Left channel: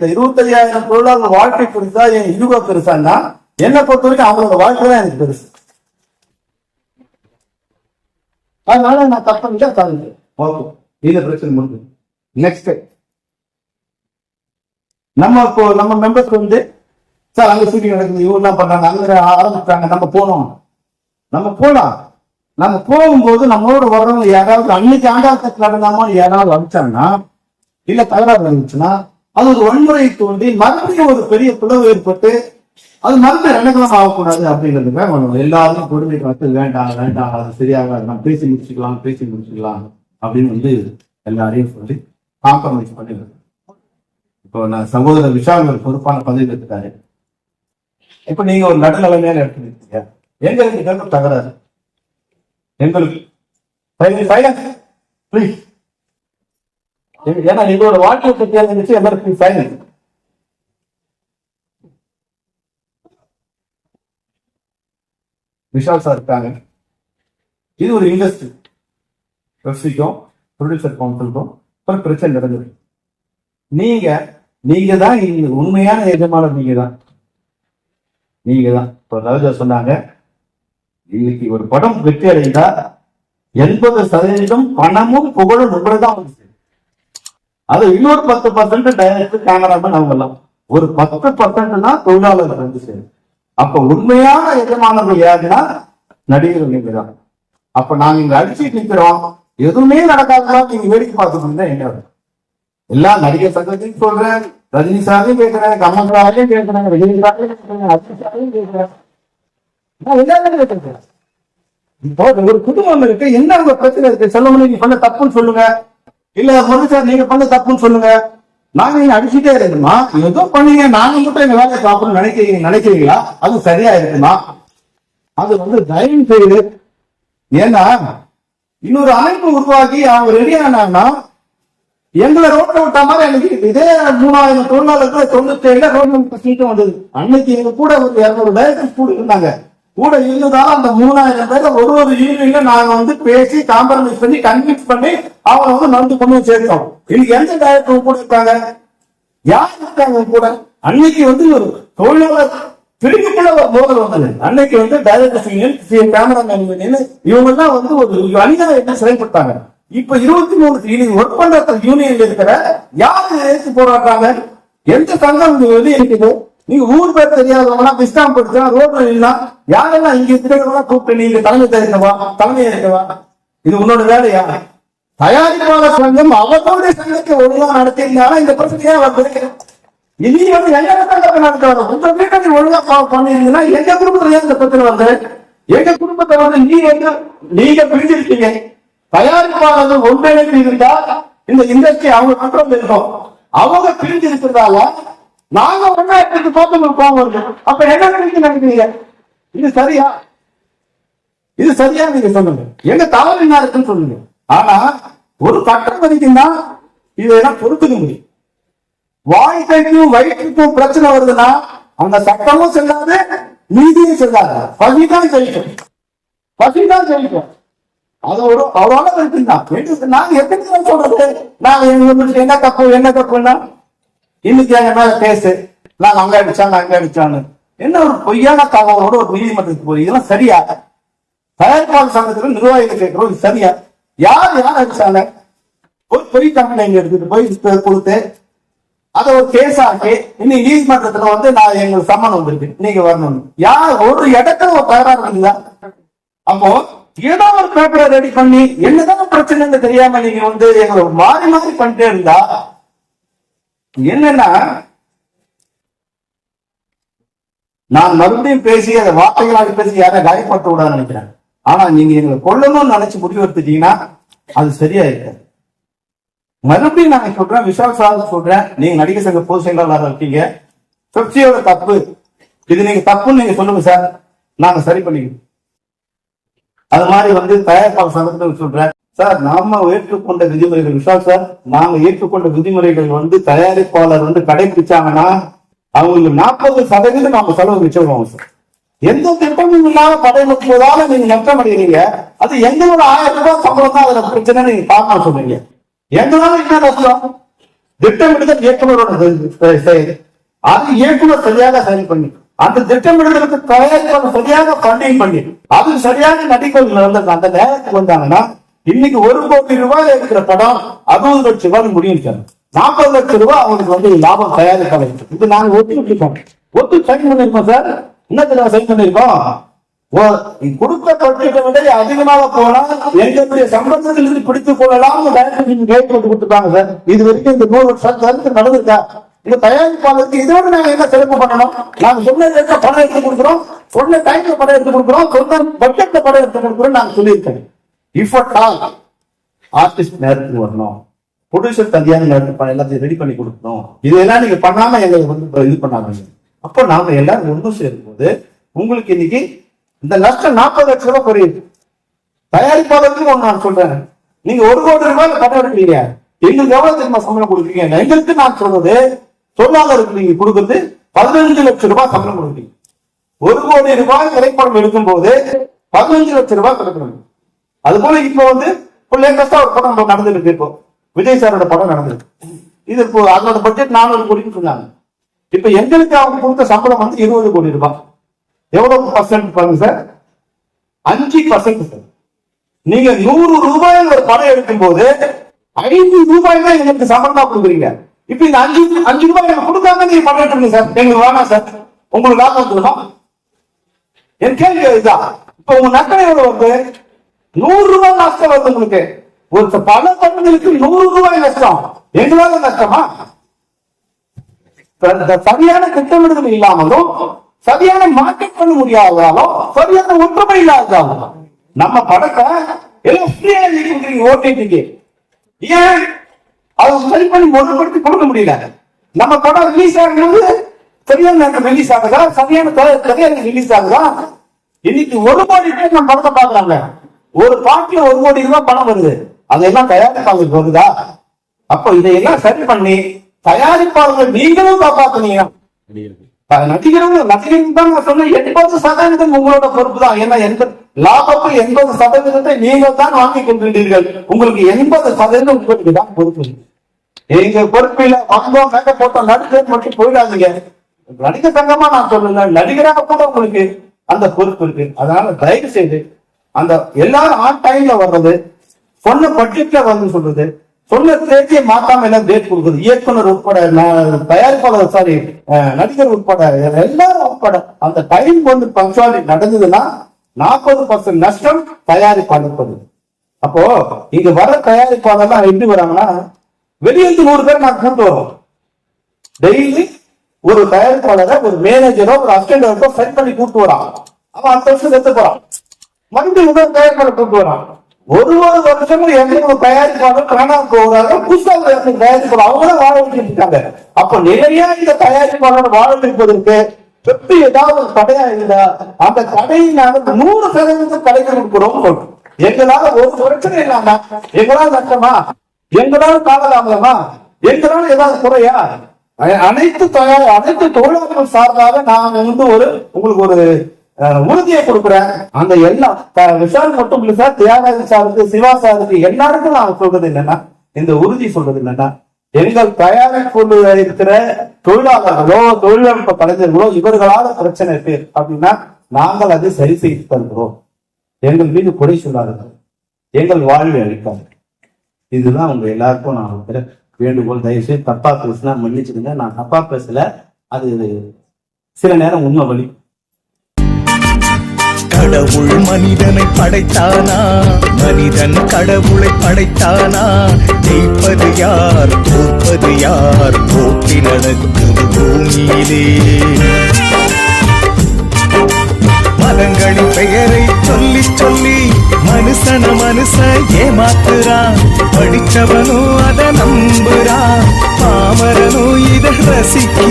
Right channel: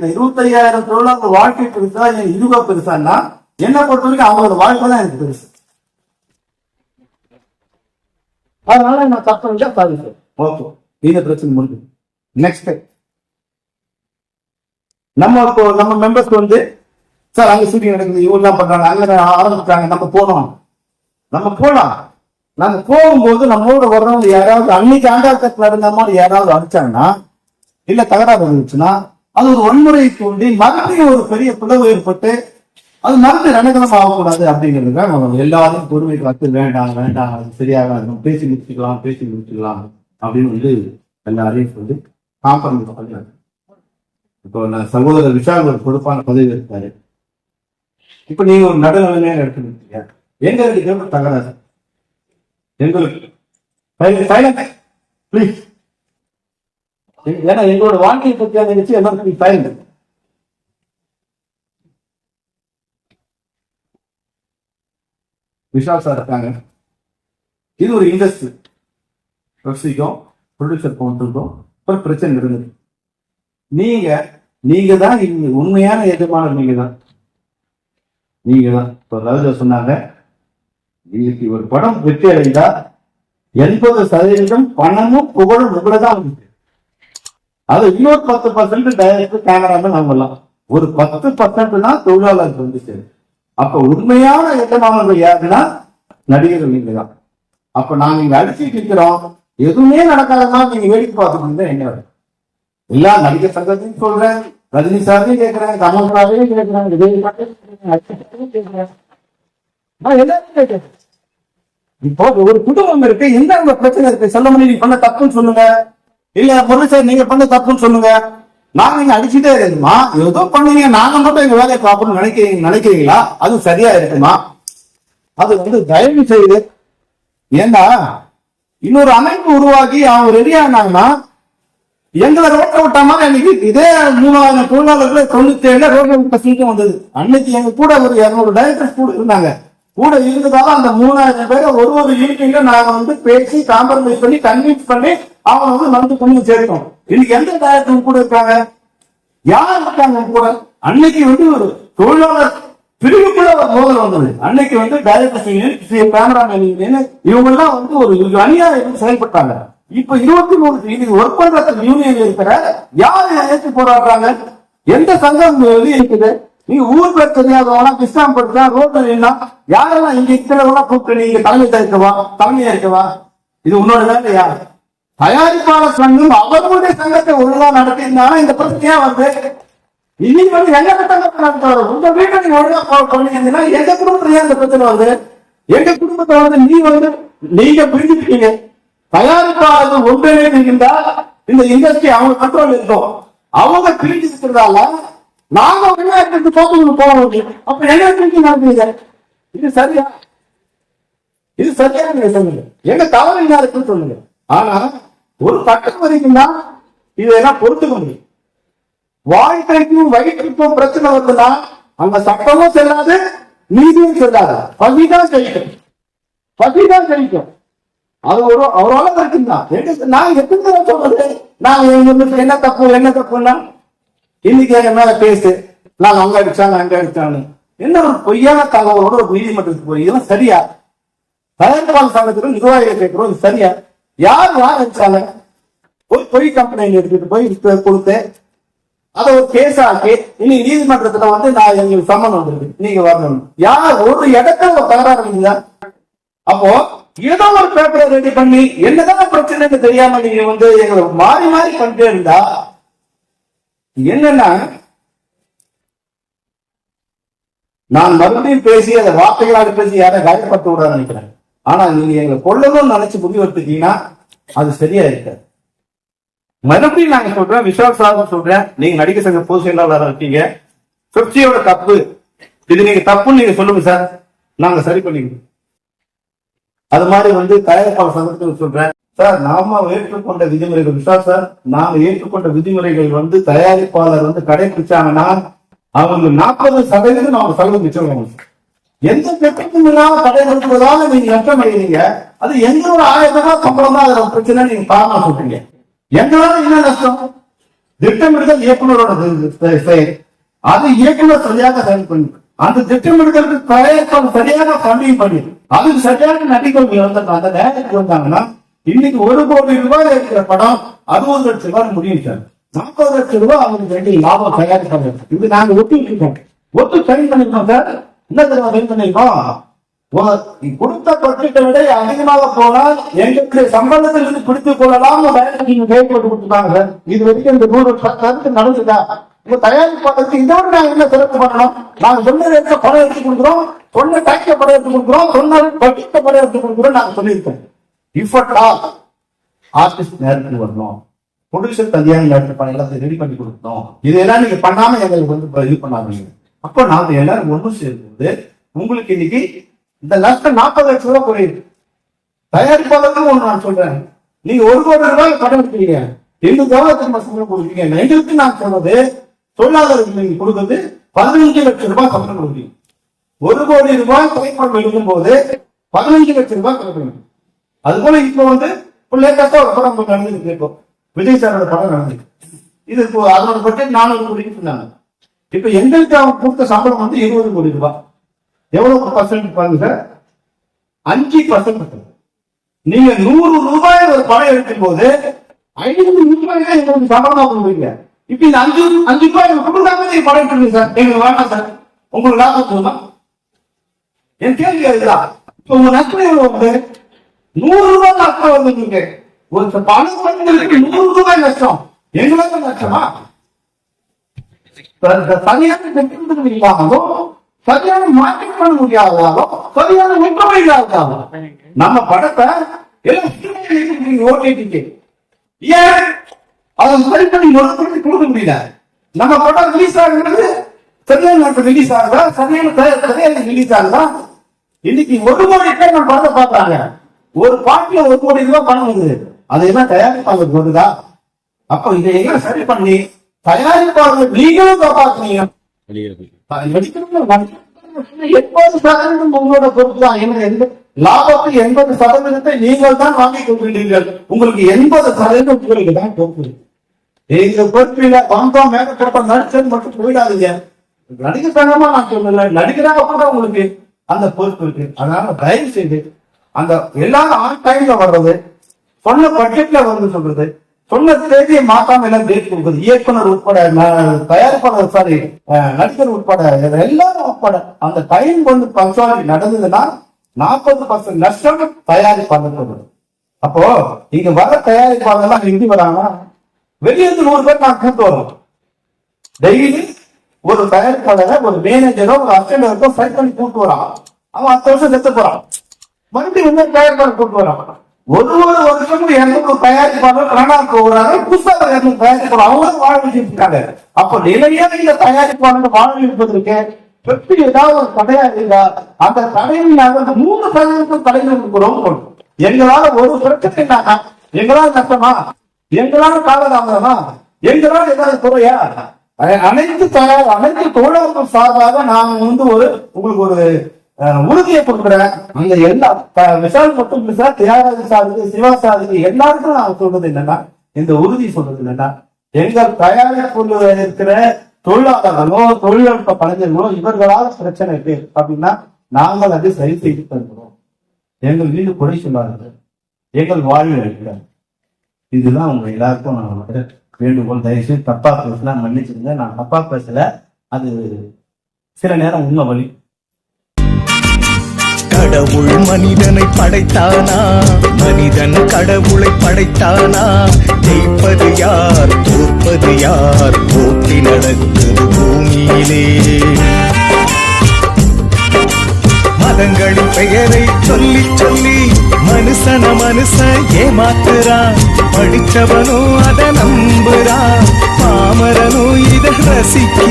25,000 தொழிலாளர் வாழ்க்கை பெருசா என் இதுவா பெருசான்னா என்ன பொறுத்த வரைக்கும் அவங்களோட வாழ்க்கை தான் எனக்கு பெருசு. அதனால நான் தப்பு சாதிக்கிறேன். ஓகே, இந்த பிரச்சனை முடிஞ்சு. நெக்ஸ்ட் நம்ம மெம்பர்ஸ் வந்து சார் அங்க சீட்டிங் நடக்குது, இவெல்லாம் பண்றாங்க, அங்க ஆரம்பிச்சாங்க, நம்ம போலாம். நாங்க போகும்போது நம்மளோட வரவங்க யாராவது அன்னைக்கு ஆண்டாட்டத்தில் நடந்த மாதிரி யாராவது அடிச்சாங்கன்னா இல்ல தகராறு இருந்துச்சுன்னா அது ஒரு வன்முறையை தூண்டி மறுபடியும் ஒரு பெரிய பிளவு ஏற்பட்டு அது மறுபடியும் ரணகலம் ஆகக்கூடாது அப்படிங்கிறதுக்காக எல்லாரும் பொறுமை காத்து வேண்டாம் அது சரியாகாது, நம்ம பேசி முடிச்சுக்கலாம் அப்படின்னு வந்து எல்லாரையும் சொல்லி காம்ப்ரமைஸ் பண்ணி. இப்போ நான் சகோதரர் விஷால் ஒரு பொறுப்பான பதவி எடுத்தாரு. இப்ப நீங்க ஒரு நடுநிலைமையான இடத்துல இருக்கீங்க, எங்களுக்கு தகராறு, எங்களுக்கு ஏன்னா எங்களோட வாழ்க்கை பற்றி எல்லாருக்கும் சைலண்ட். விஷால் சார் இருக்காங்க, இது ஒரு இண்டஸ்ட்ரி, எஃப்சிக்கும் ப்ரொடியூசர் கவுன்சிலுக்கும் ஒரு பிரச்சனை நடந்தது. நீங்க தான் உண்மையான எஜமானர், நீங்க தான். இப்போ ராஜா சொன்னாங்க, இன்னைக்கு ஒரு படம் வெற்றி அடைந்தா 80% பணமும் புகழும் உங்களதான் வந்துச்சு. அது இன்னொரு 10% டைரக்டர் கேமராமேன் அவங்கலாம், ஒரு 10% தான் தொழிலாளர் வந்து சேரும். அப்ப உண்மையான எஜமானர்கள் யாருன்னா நடிகர்கள் நீங்க தான். அப்ப நாங்க இங்க அடிச்சுட்டு நிக்கிறோம், எதுவுமே நடக்காதமா நீங்க வேடிக்கை பார்த்துக்கணும். என்ன எல்லா நடிகர் சங்கத்தையும் சொல்றேன், ரஜினி சாரையும் கேட்கிறேன், கமல்ராவையும் கேட்கிறேன், விஜய் சாரையும் கேட்கிறேன், அஜித் சாரையும் கேட்கிறேன், எல்லாரும் கேட்கிறேன். இப்போ ஒரு குடும்பம் இருக்கு, எந்த பிரச்சனை இருக்கு, சொல்ல முடியும். நீங்க பண்ண தப்புன்னு சொல்லுங்க, இல்ல முரளி சார் நீங்க பண்ண தப்புன்னு சொல்லுங்க. நாங்க இங்க அடிச்சுட்டே இருக்கணுமா? ஏதோ பண்ணீங்க, நாங்க மட்டும் எங்க வேலையை பார்க்கணும்னு நினைக்கிறீங்களா? அது சரியா இருக்குமா? அது வந்து தயவு செய்து, ஏன்னா இன்னொரு அமைப்பு உருவாக்கி அவங்க ரெடி ஆனாங்கன்னா எங்களை ரோட்ல விட்டா மாதிரி அன்னைக்கு இதே 3000 தொழிலாளர்கள் 97 ரோட்ல வந்தது. அன்னைக்கு எங்க கூட ஒரு 200 டைரக்டர்ஸ் கூட இருந்தாங்க. கூட இருந்ததால அந்த 3000 பேரை ஒரு யூனியன்ல நாங்க வந்து பேசி காம்ப்ரமைஸ் பண்ணி கன்வின்ஸ் பண்ணி அவங்க வந்து நம்பி கொண்டு சேர்த்தோம். இன்னைக்கு எந்த டைரக்டர் கூட இருக்காங்க? யார் இருக்காங்க கூட? அன்னைக்கு வந்து ஒரு தொழிலாளர் பிரிவுக்குள்ள ஒரு மோதல் வந்தது. அன்னைக்கு வந்து டைரக்டர்ஸ் யூனியன், கேமராமேன் யூனியன், இவங்க எல்லாம் வந்து ஒரு அநியாயம் செயல்பட்டாங்க. இப்ப 23 ஒர்க் பண்ற யூனியன்ல இருக்கிற யாரு ஏற்று போராடுறாங்க? எந்த சங்கம் வந்து இருக்குது? நீ ஊர் பேர் தெரியாதவனா பிஸ்டாம் படுத்தா ரோட்ல யாரெல்லாம் இங்க இருக்கிறவங்க கூப்பிட்டு நீங்க தலைமையா இருக்கவா? இது உன்னோட வேலையா? தயாரிப்பாளர் சங்கம் அவர்களுடைய சங்கத்தை ஒழுங்கா நடத்திருந்தாலும் இந்த பிரச்சனையா வந்து இன்னைக்கு வந்து எங்க சங்கத்தை நடத்துவாங்க. உங்க வீட்டை நீ ஒழுங்கா பண்ணிருந்தீங்கன்னா எங்க குடும்பத்துல இந்த பிரச்சனை வந்து எங்க குடும்பத்தை வந்து நீங்க பிரிஞ்சிருக்கீங்க. தயாரிப்பாளர்கள் ஒன்றிணைந்து இருந்தா இந்த இண்டஸ்ட்ரி அவங்க கண்ட்ரோல் இருக்கும். அவங்க பிரிஞ்சு இருக்கிறதால நாங்க ஒன்னா இருக்கு தோக்கங்களுக்கு போக வருது. அப்ப என்ன பிரிஞ்சு நடக்குறீங்க? இது சரியா? நீங்க சொல்லுங்க. எங்க தலைமை என்ன இருக்குன்னு சொல்லுங்க. ஆனா ஒரு கட்டம் வரைக்கும் தான் இதெல்லாம் பொறுத்துக்க முடியும். வாழ்க்கைக்கும் வயிற்றுக்கும் பிரச்சனை வருதுன்னா அந்த சட்டமும் செல்லாது, நீதியும் செல்லாது. பசிதான் ஜெயிக்கும். அது ஒரு அளவு இருக்குன்னா நாங்க எப்படி சொல்றது? நாங்க என்ன தப்புன்னா இன்னைக்கு எங்க மேல பேசு, நான் அங்க அடிச்சான்னு என்ன ஒரு பொய்யான தகவலோட ஒரு நீதிமன்றத்துக்கு போய் இதெல்லாம் சரியா? தயாரிப்பாளர் சங்கத்துக்கு நிர்வாகிகள் கேட்கிறோம், இது சரியா? யார் அடிச்சாங்க? ஒரு பொய் கம்பெனி எடுத்துட்டு போய் கொடுத்து அதை ஒரு கேஸ் ஆக்கி இன்னைக்கு நீதிமன்றத்துல வந்து நான் எங்களுக்கு சம்மன் வந்திருக்கு, நீங்க வரணும். யார் ஒரு இடத்துல ஒரு தகராறு இல்ல. அப்போ ஏதோ ஒரு பேப்பரை ரெடி பண்ணி என்னதான் பிரச்சனை தெரியாம நீங்க வந்து எங்களை மாறி பண்ணிட்டே இருந்தா என்னன்னா, நான் மறுபடியும் பேசி அதை வார்த்தைகளாக பேசி யாரை காயப்படுத்த விடாது நினைக்கிறேன். ஆனா நீங்க எங்களை கொள்ளணும்னு நினைச்சு முடிவெடுத்துட்டீங்கன்னா அது சரியா இருக்க. மறுபடியும் நாங்க சொல்றேன், விஷால் சார் சொல்றேன், நீங்க நடிகர் சங்க பொதுச் செயலாளராக இருக்கீங்க, பெப்சியோட தப்பு இது, நீங்க தப்புன்னு நீங்க சொல்லுங்க சார், நாங்க சரி பண்ணிக்கிறோம். அது மாதிரி வந்து தயாரிப்பாளர் சங்கத்துக்கு சொல்றேன் சார், நாம ஏற்றுக்கொண்ட விதிமுறைகள், விஷால் சார் நாங்க ஏற்றுக்கொண்ட விதிமுறைகள் வந்து தயாரிப்பாளர் வந்து கடைபிடிச்சாங்கன்னா அவங்களுக்கு 40% அவங்க செலவு மிச்சம் சார். எந்த திட்டமும் இல்லாம கடை நடத்துவதால நீங்க நஷ்டம் அடைகிறீங்க. அது எங்களோட 1000 ரூபாய் சம்பளம் தான் அதுல பிரச்சனை. நீங்க காரணம் சொல்றீங்க, எங்களால என்ன நஷ்டம்? திட்டமிடுதல் இயக்குனரோட செயல். அது இயக்குனர் சரியாக செயல் பண்ணி அந்த திட்டமிடுதலுக்கு தயாரிப்பாளர் சரியாக ஃபண்டிங் பண்ணி அதுக்கு சரியாக நடிகர்கள் வந்து அந்த நேரத்துக்கு வந்தாங்கன்னா இன்னைக்கு 1 கோடி ரூபாய் இருக்கிற படம் 60 லட்சம் ரூபாய் முடியும் சார். 40 லட்சம் ரூபாய் அவங்களுக்கு வந்து லாபம் தயாரிப்பாளர். இது நாங்க ஒத்து விட்டுருக்கோம், ஒத்து சைன் பண்ணிருக்கோம் சார். என்ன தடவை சைன் பண்ணிருக்கோம்? கொடுக்க தொட்டிட்ட விட அதிகமாக போனால் எங்களுடைய சம்பளத்தில் இருந்து பிடித்துக் கொள்ளலாம் கைப்பட்டு கொடுத்துட்டாங்க சார். இது வரைக்கும் இந்த 100 வருஷம் நடந்திருக்கா? இந்த தயாரிப்பாளருக்கு இதோட நாங்க என்ன சிறப்பு பண்ணணும்? நாங்க சொன்ன ரேட்ல படம் எடுத்து கொடுக்குறோம், சொன்ன டைம்ல படம் எடுத்து கொடுக்குறோம், சொன்ன பட்ஜெட்ல படம் எடுத்து கொடுக்குறோம். நாங்க சொல்லியிருக்கேன். இஃப் அட் ஆல் ஆர்டிஸ்ட் நேரத்துக்கு வரணும், ப்ரொடியூசர் தனியாக நேரத்துக்கு எல்லாத்தையும் ரெடி பண்ணி கொடுக்கணும். இதெல்லாம் நீங்க பண்ணாம எங்களுக்கு வந்து இது பண்ணாதீங்க. அப்ப நாங்க எல்லாரும் ஒன்றும் சேரும் போது உங்களுக்கு இன்னைக்கு இந்த நஷ்டம் 40 லட்சம் ரூபாய் குறையுது. தயாரிப்பாளருக்கு ஒன்று நான் சொல்றேன், நீங்க 1 கோடி ரூபாய் படம் எடுக்கிறீங்க, எங்களுக்கு எவ்வளவு தெரியுமா சம்பளம் கொடுக்குறீங்க? எங்களுக்கு நான் சொல்றது தொழிலாளருக்கு நீங்க கொடுக்குறது 15 லட்சம் ரூபாய் சம்பளம் கொடுக்குறீங்க. 1 கோடி ரூபாய் திரைப்படம் எடுக்கும் போது 15 லட்சம் ரூபாய் திரைப்படம். அது போல இப்போ வந்து லேட்டஸ்டா ஒரு படம் நடந்துருக்கு. இப்போ விஜய் சாரோட படம் நடந்திருக்கு. இது இப்போ அதோட பட்ஜெட் 400 கோடின்னு சொன்னாங்க. இப்ப எங்களுக்கு அவங்க கொடுத்த சம்பளம் வந்து 20 கோடி ரூபாய். எவ்வளவு பர்சன்ட் பாருங்க சார்? 5%. நீங்க 100 ரூபாய் ஒரு படம் எடுக்கும் போது 5 ரூபாய் தான் எங்களுக்கு சம்பளமா கொடுக்குறீங்க. இப்ப இந்த 5 ரூபாய் கொடுக்காம நீங்க படம் எடுத்துருங்க சார். எங்களுக்கு வேணாம் சார், உங்களுக்கு லாபம் சொல்லலாம். என் கேள்வி இதுதான். இப்ப உங்க நஷ்டம் எவ்வளவு வந்து 100 ரூபாய் நஷ்டம் வருது உங்களுக்கு. ஒரு பல படங்களுக்கு 100 ரூபாய் நஷ்டம். எங்களால நஷ்டமா? சரியான திட்டமிடுதல் இல்லாமலும் சரியான மார்க்கெட் பண்ண முடியாதாலும் சரியான ஒற்றுமை இல்லாதாலும் நம்ம படத்தை எல்லாம் ஃப்ரீயா கொடுக்குறீங்க ஓடிடிக்கு. ஏன் அவங்க சரி பண்ணி முதல்படுத்தி கொடுக்க முடியல? நம்ம படம் ரிலீஸ் ஆகும்போது சரியான நேரத்தில் ரிலீஸ் ஆகுதா? சரியான கதையாக ரிலீஸ் ஆகுதா? இன்னைக்கு 1 கோடி பேர் நம்ம படத்தை பாக்குறாங்க. ஒரு பாட்டுல 1 கோடி ரூபாய் பணம் வருது. அதெல்லாம் தயாரிப்பாளருக்கு வருதா? அப்போ இதையெல்லாம் சரி பண்ணி தயாரிப்பாளர்கள் நீங்களும் காப்பாத்துனீங்க. நடிகர்கள் தான் நான் சொன்ன 80% உங்களோட பொறுப்பு தான். ஏன்னா லாபத்தில் 80% நீங்கள் தான் வாங்கிக் கொண்டிருந்தீர்கள். உங்களுக்கு 80% உங்களுக்கு தான் பொறுப்பு. எங்க பொறுப்பில வந்தோம் மேல போட்டோம் நடிச்சது மட்டும் போயிடாதீங்க. நடிகர் சங்கமா நான் சொல்லல, நடிகராக கூட உங்களுக்கு அந்த பொறுப்பு இருக்கு. அதனால தயவு செய்து அந்த எல்லாரும் ஆன் டைம்ல வர்றது, சொன்ன பட்ஜெட்ல வந்து சொல்றது, சொன்ன தேதியை மாத்தாம எல்லாம் டேட் கொடுக்குது. இயக்குனர் உட்பட, தயாரிப்பாளர் சாரி நடிகர் உட்பட எல்லாரும் உட்பட அந்த டைம் வந்து பங்க்சுவாலிட்டி நடந்ததுன்னா 40% நஷ்டம் தயாரிப்பாளர். அப்போ இங்க வர தயாரிப்பாளர்லாம் எப்படி வராங்கன்னா, வெளியிருந்து 100 பேர் நான் கூட்டு வரோம். டெய்லி ஒரு தயாரிப்பாளரை ஒரு மேனேஜரோ ஒரு அசிஸ்டன்டோ செட் பண்ணி கூட்டு வரான். அவன் 10 வருஷம் செத்து போறான். மறுபடியும் இன்னொரு தயாரிப்பாளர் கூட்டு வரான். ஒரு வருஷமும் 200 தயாரிப்பாளர் கனடாவுக்கு போறாங்க. புதுசாக 200 தயாரிப்பாளர் அவங்களும் வாழ வச்சுட்டு இருக்காங்க. அப்ப நிலையா இந்த தயாரிப்பாளர் வாழ வைப்பதற்கு வெற்றி ஏதாவது ஒரு தடையா இருந்தா அந்த தடையை நாங்கள் 100% கலைஞர் கொடுக்கிறோம். எங்களால ஒரு பிரச்சனை இல்லாம எங்களால் நஷ்டமா, எங்களால் காலதாமதமா, எங்களால் ஏதாவது குறையா, அனைத்து தொழிலாளர்கள் சார்பாக நான் வந்து உங்களுக்கு ஒரு உறுதியை கொடுக்குறேன். அந்த எல்லா விஷால் மட்டும் இல்ல சார், தியாகராஜன் சாருக்கு, சிவா சாருக்கு எல்லாருக்கும் நான் சொல்றது என்னன்னா, இந்த உறுதி சொல்றது என்னன்னா, எங்கள் தயாரிப்பு இருக்கிற தொழிலாளர்களோ தொழில்நுட்ப கலைஞர்களோ இவர்களால பிரச்சனை இருக்கு அப்படின்னா நாங்கள் அதை சரி செய்து தருகிறோம். எங்கள் மீது குறை சொல்லாதீர்கள், எங்கள் வாழ்வை அளிக்காது. இதுதான் உங்க எல்லாருக்கும் நான் வேண்டுகோள். தயவுசெய்து தப்பா பேசினா மன்னிச்சுடுங்க. நான் தப்பா பேசல, அது சில நேரம் உண்மை வழி. கடவுள் மனிதனை படைத்தானா, மனிதன் கடவுளை படைத்தானா? ஜெயிப்பது யார், தோற்பது யார்? போட்டி நடக்குது பூமியிலே. மதங்களின் பெயரை சொல்லி சொல்லி மனுஷன் ஏமாத்துறான். படிச்சவனும் அதை நம்புறான், பாமரனும் இதை ரசிக்க